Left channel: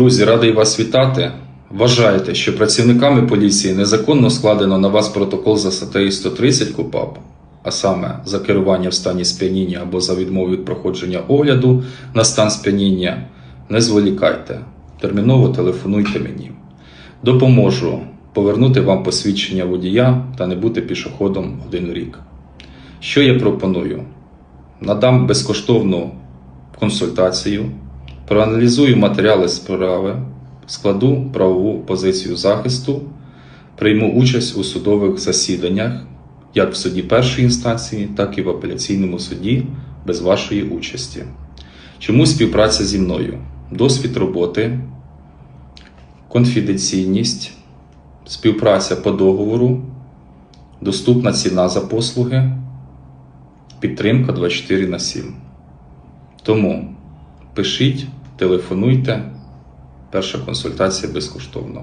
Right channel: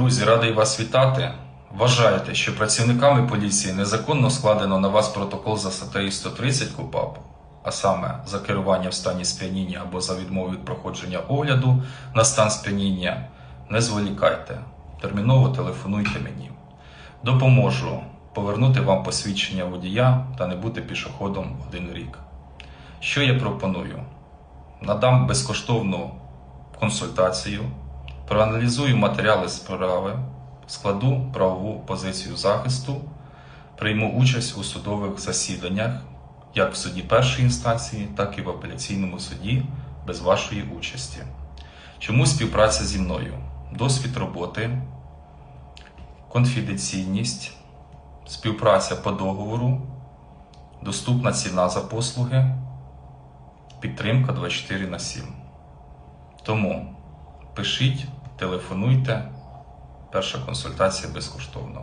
Друзі, радий вас вітати. Вважаєте, що працівниками поліції незаконно складено на вас протокол за статтею 130 КУПАП, а саме за керування в стані сп'яніння або за відмову від проходження огляду на стан сп'яніння, не зволікайте. Терміново телефонуйте мені. Допоможу повернути вам посвідчення водія та не бути пішоходом один рік. Що я пропоную? Надам безкоштовну консультацію, проаналізую матеріали справи, складу правову позицію захисту, прийму участь у судових засіданнях, як в суді першої інстанції, так і в апеляційному суді без вашої участі. Чому співпраця зі мною? Досвід роботи, конфіденційність, співпраця по договору, доступна ціна за послуги, підтримка 24 на 7. Тому пишіть, телефонуйте. Перша консультація безкоштовна.